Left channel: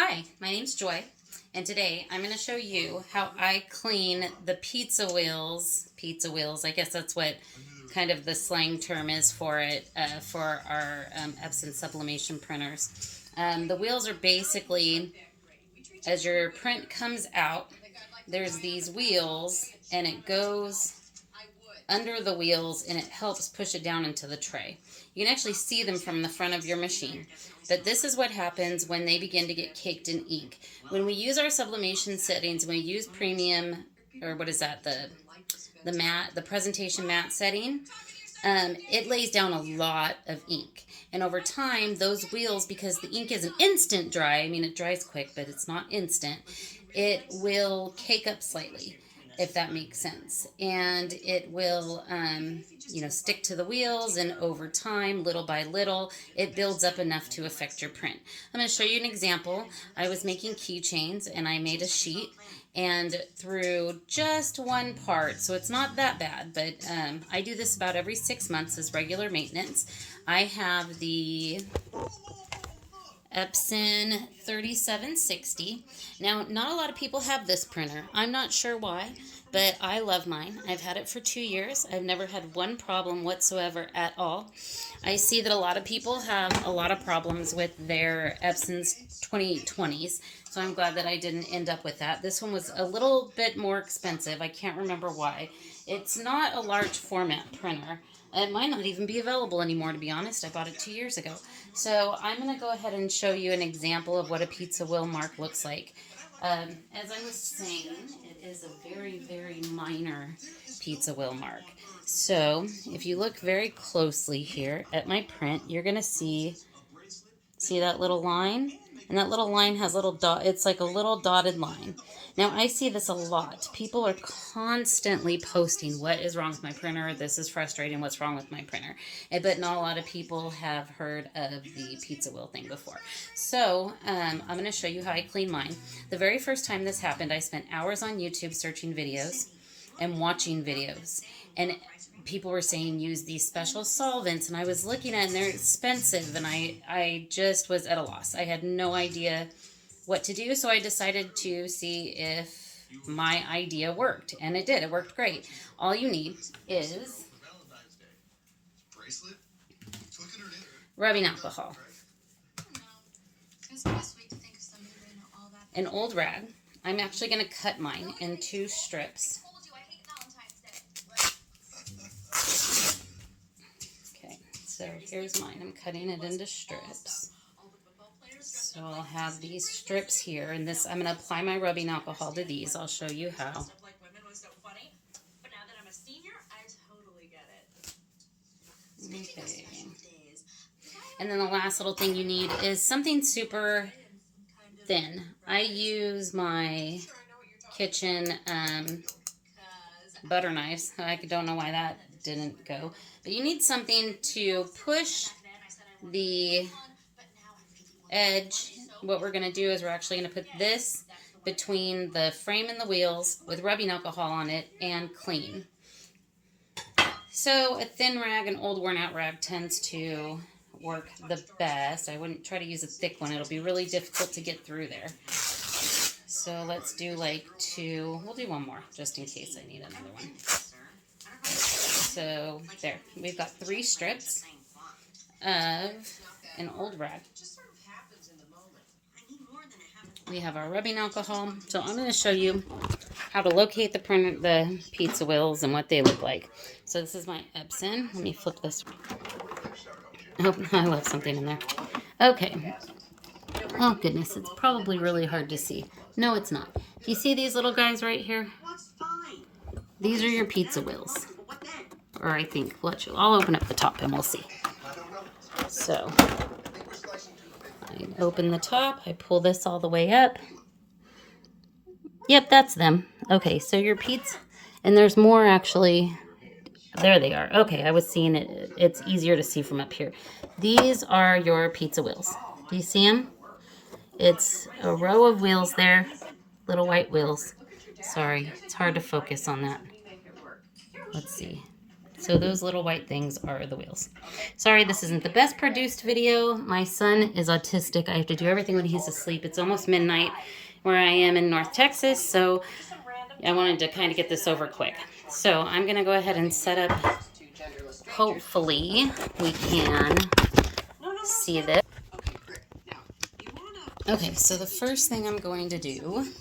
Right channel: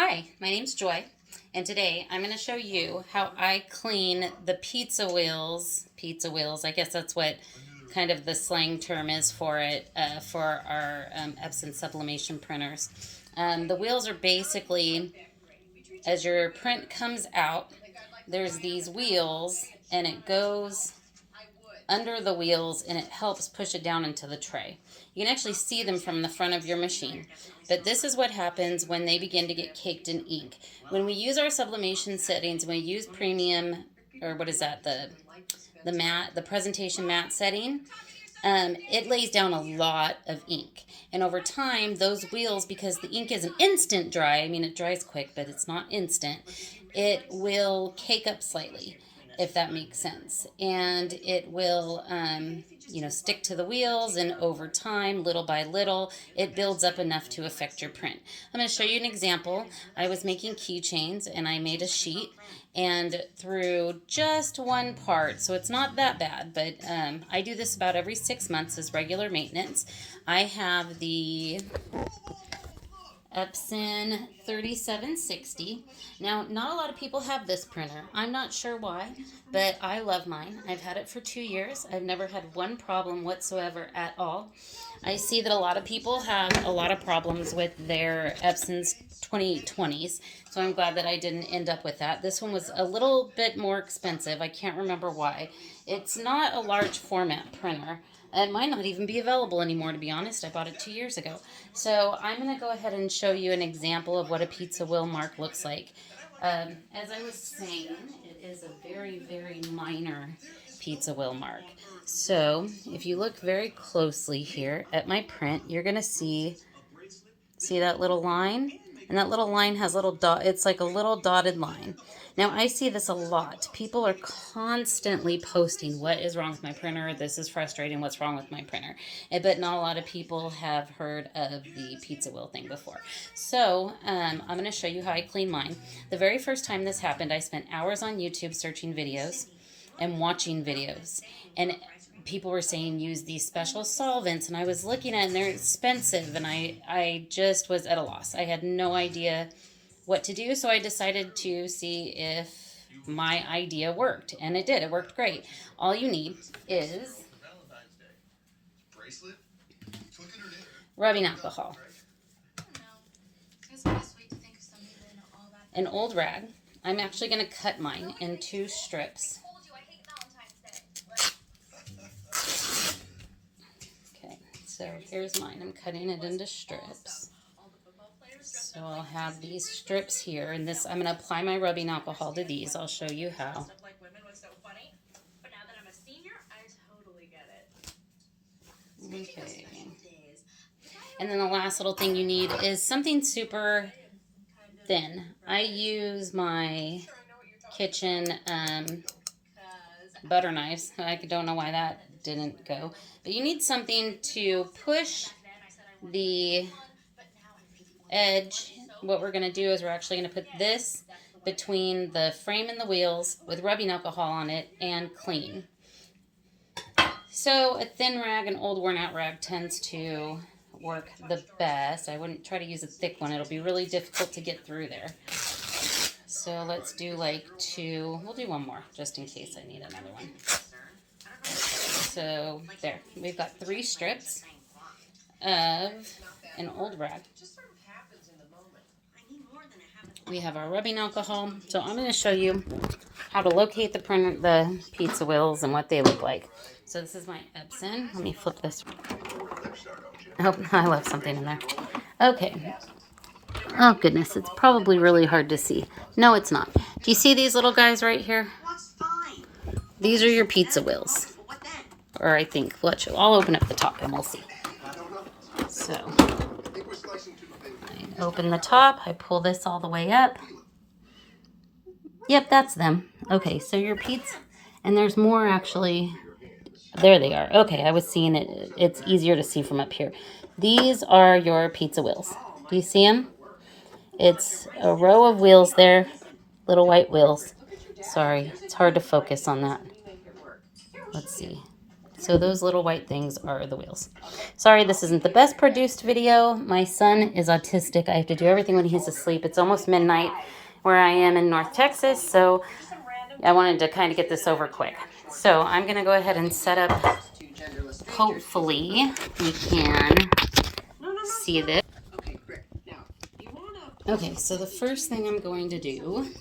Hi, my name's Joy, and today I'm going to show you how I clean the pizza wheels. Pizza wheels, I guess that's what kind of the slang term is for it, for our Epson sublimation printers. The wheels are basically, as your print comes out, there's these wheels, and it goes under the wheels and it helps push it down into the tray. You can actually see them from the front of your machine. But this is what happens when they begin to get caked in ink. When we use our sublimation settings, when we use premium, or what is that, the matte, the presentation matte setting, it lays down a lot of ink. And over time, those wheels, because the ink isn't instant dry, I mean, it dries quick, but it's not instant, it will cake up slightly, if that makes sense. And it will, stick to the wheels, and over time, little by little, it builds up enough to affect your print. I'm going to show you an example. I was making keychains, and I made a sheet, and through just one part, so it's not that bad, but I do this about every 6 months as regular maintenance. I have the Epson 3760. Now, not a lot of people have this printer. I'm not sure why, but I love mine. I've had it for 2 years. I've never had one problem whatsoever at all. I see that a lot of people have a lot of problems with their Epson's 2020s, so I'm glad that I didn't end up with that. This one was a little bit more expensive. I can't remember why. It's not a large format printer. It might not even be available anymore, to be honest. I bought it 2 years ago. So I'm going to go ahead and show you an example of what a pizza wheel mark looks like. As I was saying, it is a very, very minor pizza wheel mark. So if you look very closely here at my print, you're going to see that little line? And that little line has little dot, it's like a little dotted line. Now, I see this a lot. People are constantly posting, what is wrong with my printer? This is frustrating. What's wrong with my printer? But not a lot of people have heard of the pizza wheel thing before. So I'm going to show you how I clean mine. The very first time this happened, I spent hours on YouTube searching videos and watching videos. And people were saying use these special solvents, and I was looking at it, and they're expensive, and I just was at a loss. I had no idea what to do, so I decided to see if my idea worked, and it did. It worked great. All you need is rubbing alcohol, an old rag. I'm actually going to cut mine in 2 strips. Okay, so here's mine. I'm cutting it into strips. So I'll have these strips here, and this, I'm going to apply my rubbing alcohol to these. I'll show you how. Okay. And then the last little thing you need is something super thin. I use my kitchen butter knives. I don't know why that didn't go. But you need something to push the edge. What we're going to do is we're actually going to put this between the frame and the wheels with rubbing alcohol on it and clean. So a thin rag, an old worn out rag, tends to work the best. I wouldn't try to use a thick one. It'll be really difficult to get through there. So let's do like 2. We'll do 1 more just in case I need another one. So there, we've got 3 strips of an old rag. We have our rubbing alcohol. So I'm going to show you how to locate the pizza wheels and what they look like. So this is my Epson. Let me flip this. Oh, I left something in there. Okay. Oh, goodness. It's probably really hard to see. No, it's not. Do you see these little guys right here? These are your pizza wheels. Or I think, I'll open up the top and we'll see. So, I open the top. I pull this all the way up. Yep, that's them. Okay, so your pizza, and there's more actually. There they are. Okay, I was seeing it. It's easier to see from up here. These are your pizza wheels. Do you see them? It's a row of wheels there, little white wheels. Sorry, it's hard to focus on that. Let's see. So those little white things are the wheels. Sorry, this isn't the best produced video. My son is autistic. I have to do everything when he's asleep. It's almost midnight where I am in North Texas, so I wanted to kind of get this over quick. So I'm going to go ahead and set up. Hopefully we can see this. Okay, so the first thing I'm going to do.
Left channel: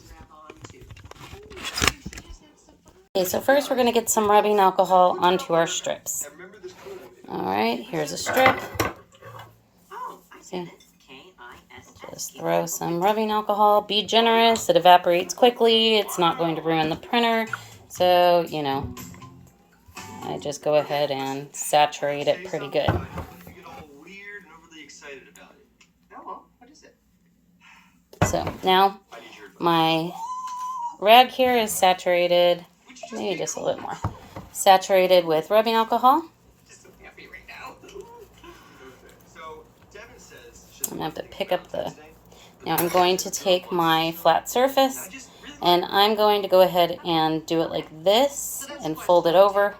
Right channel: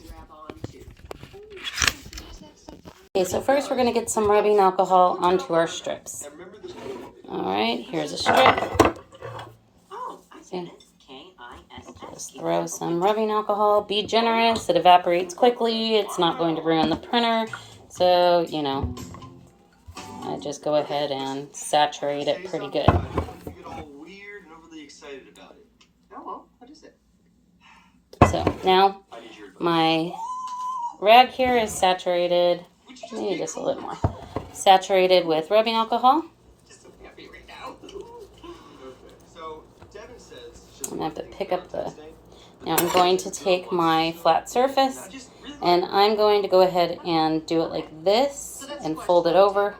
Okay, so first we're going to get some rubbing alcohol onto our strips. All right, here's a strip. See? Just throw some rubbing alcohol. Be generous. It evaporates quickly. It's not going to ruin the printer. So, you know, I just go ahead and saturate it pretty good. So now my rag here is saturated, maybe just a little more, saturated with rubbing alcohol. I'm going to have to pick up the, now I'm going to take my flat surface and I'm going to go ahead and do it like this and fold it over.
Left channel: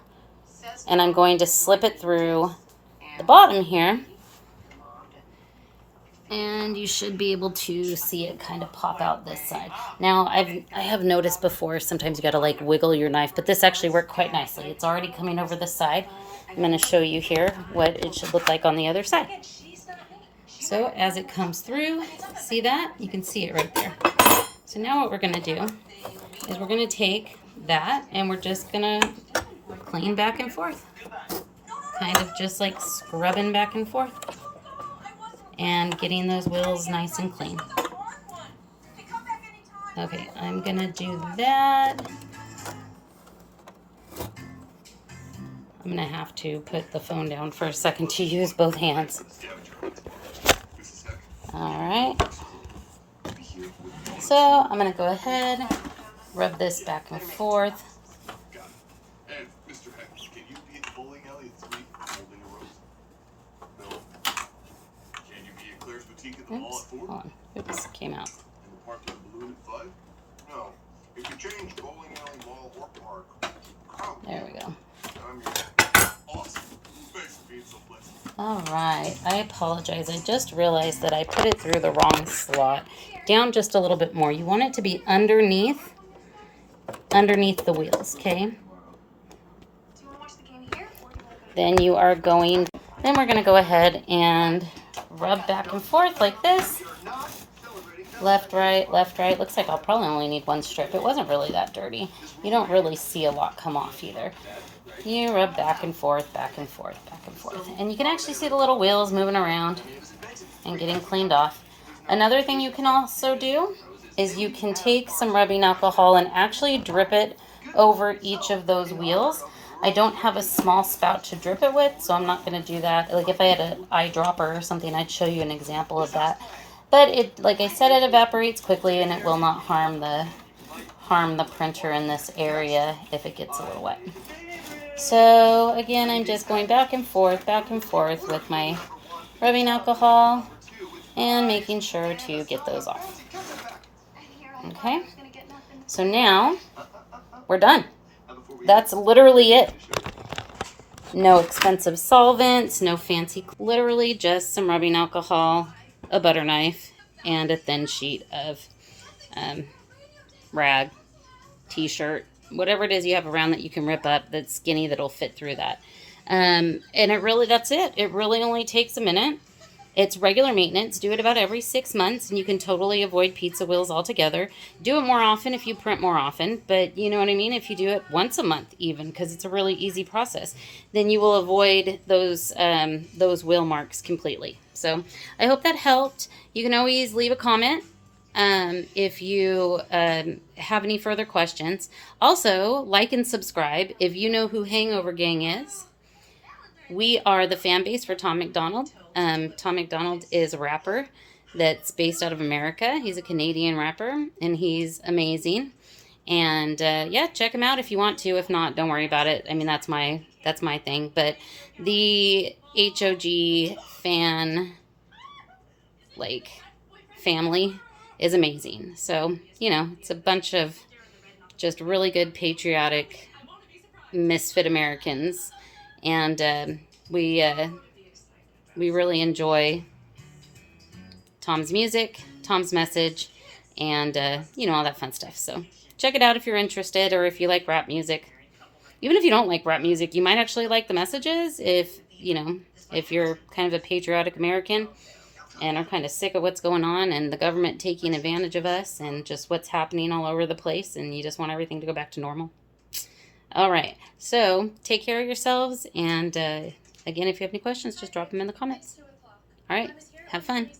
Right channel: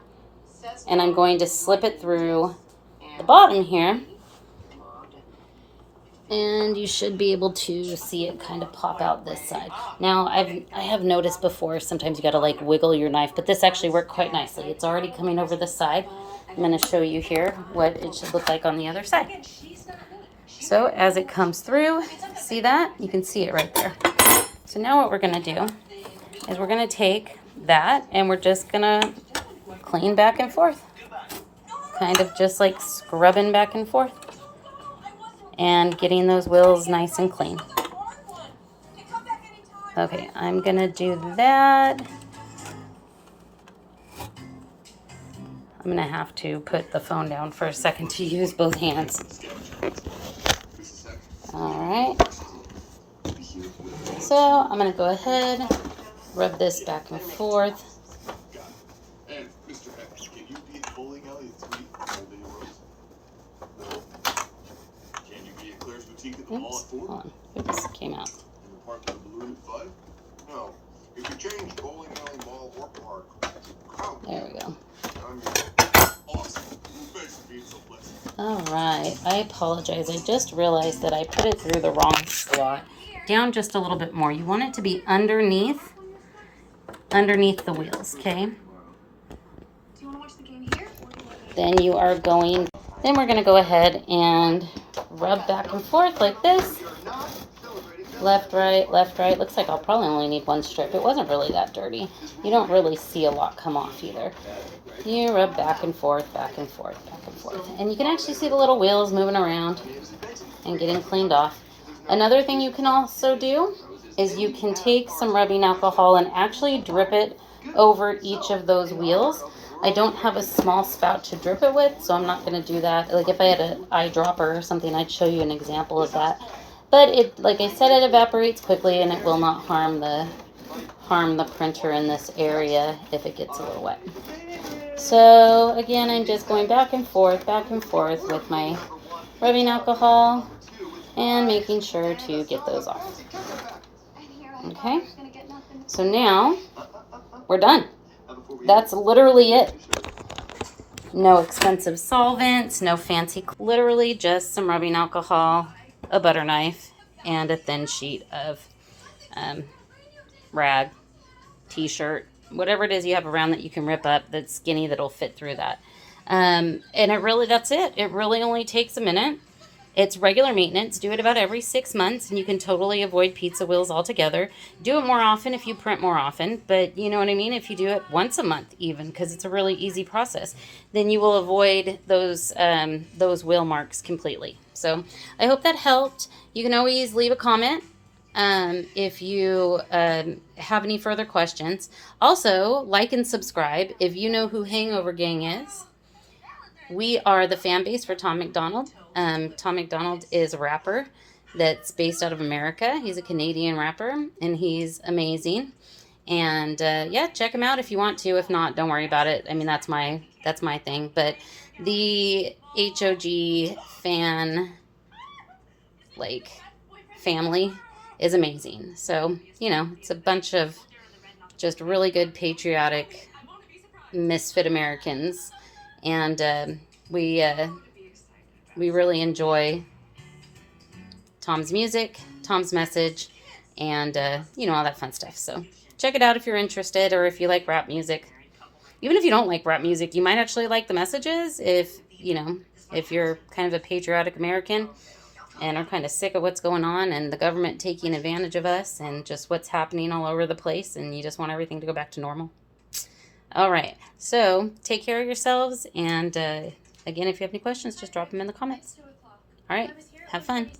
And I'm going to slip it through the bottom here. And you should be able to see it kind of pop out this side. Now, I have noticed before, sometimes you got to like wiggle your knife, but this actually worked quite nicely. It's already coming over the side. I'm going to show you here what it should look like on the other side. So as it comes through, see that? You can see it right there. So now what we're going to do is we're going to take that and we're just going to clean back and forth. Kind of just like scrubbing back and forth. And getting those wheels nice and clean. Okay, I'm gonna do that. I'm gonna have to put the phone down for a second to use both hands. All right. So I'm gonna go ahead, rub this back and forth. Oops, hold on. Oops, came out. There we go. All right, I apologize. I just realized that I put it through the wrong slot. Down just a little bit more. You want it to be underneath the wheels, okay? Then you are going, then we're going to go ahead and rub back and forth like this. Left, right, left, right. Looks like I'll probably only need one strip. It wasn't really that dirty. You don't really see a lot come off either. You rub back and forth, back and forth, back and forth. And you can actually see the little wheels moving around and getting cleaned off. Another thing you can also do is you can take some rubbing alcohol and actually drip it over each of those wheels. I don't have a small spout to drip it with, so I'm not going to do that. Like if I had an eyedropper or something, I'd show you an example of that. But it, like I said, it evaporates quickly and it will not harm the printer in this area if it gets a little wet. So again, I'm just going back and forth with my rubbing alcohol and making sure to get those off. Okay, so now we're done. That's literally it. No expensive solvents, no fancy, literally just some rubbing alcohol, a butter knife, and a thin sheet of rag, t-shirt, whatever it is you have around that you can rip up that's skinny that'll fit through that. And that's it. It really only takes a minute. It's regular maintenance. Do it about every 6 months and you can totally avoid pizza wheels altogether. Do it more often if you print more often, but you know what I mean? If you do it once a month even, because it's a really easy process, then you will avoid those wheel marks completely. So I hope that helped. You can always leave a comment if you have any further questions. Also, like and subscribe if you know who Hangover Gang is. We are the fan base for Tom MacDonald. Tom MacDonald is a rapper that's based out of America. He's a Canadian rapper, and he's amazing. And yeah, check him out if you want to. If not, don't worry about it. I mean, that's my thing. But the HOG fan family is amazing. So, you know, it's a bunch of just really good patriotic misfit Americans And we really enjoy Tom's music, Tom's message, and all that fun stuff. So check it out if you're interested, or if you like rap music. Even if you don't like rap music, you might actually like the messages if you're kind of a patriotic American and are kind of sick of what's going on and the government taking advantage of us and just what's happening all over the place, and you just want everything to go back to normal. All right. So take care of yourselves. And again, if you have any questions, just drop them in the comments. All right. Have fun.